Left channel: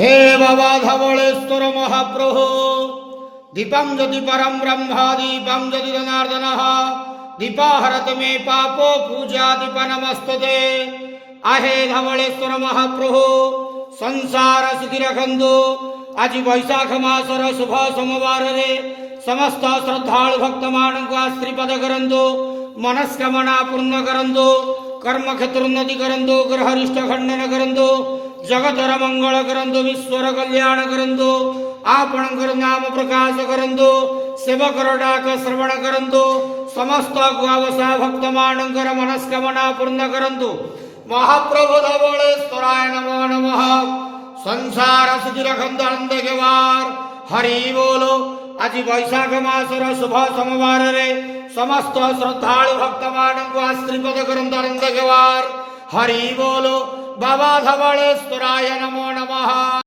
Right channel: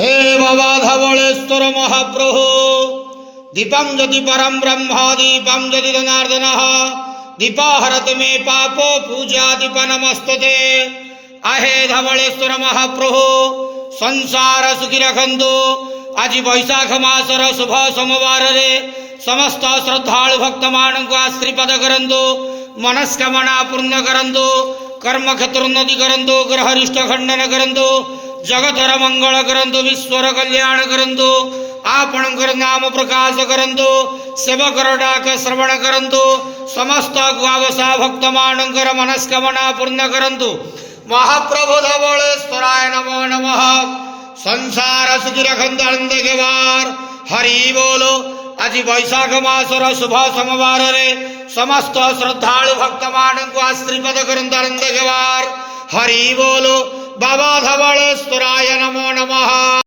हे बाबा धवळेश्वर महाप्रभो दीपं ज्योति परम ब्रह्म दीपं ज्योति जनार्दन दीपाहरत मे पापो पूजा दीप नमस्तते। आहे धवळेश्वर महाप्रभो संसार सुखी रखंदो। आज वैशाख मासर शुभ सोमवार रे समस्त श्रद्धालु भक्त मान को आश्रीपद करंदो, मनस्कामना पूर्ण करंदो, कर्म क्षेत्र उन्नति करंदो, ग्रहरिष्ट खंडन करंदो, जगतर मंगल करंदो, विश्वर कल्याण करंदो, आपणकर नाम प्रकाश करंदो, सेवकर डाक श्रवण करंदो, समस्त गुआवसा भक्त मानकर मनस्कामना पूर्ण करंदो। महाप्रभु धवळेश्वराय नमो नमः। संसार सुखी रखंदो आनंद गेवार हरि बोलो। आज वैशाख मासर शुभ सोमवार रे समस्त श्रद्धालु भक्त मान को आश्रीपद करंदो आनंद गेवार हरि बोलो। बाबा धवळेश्वराय नमो नमः।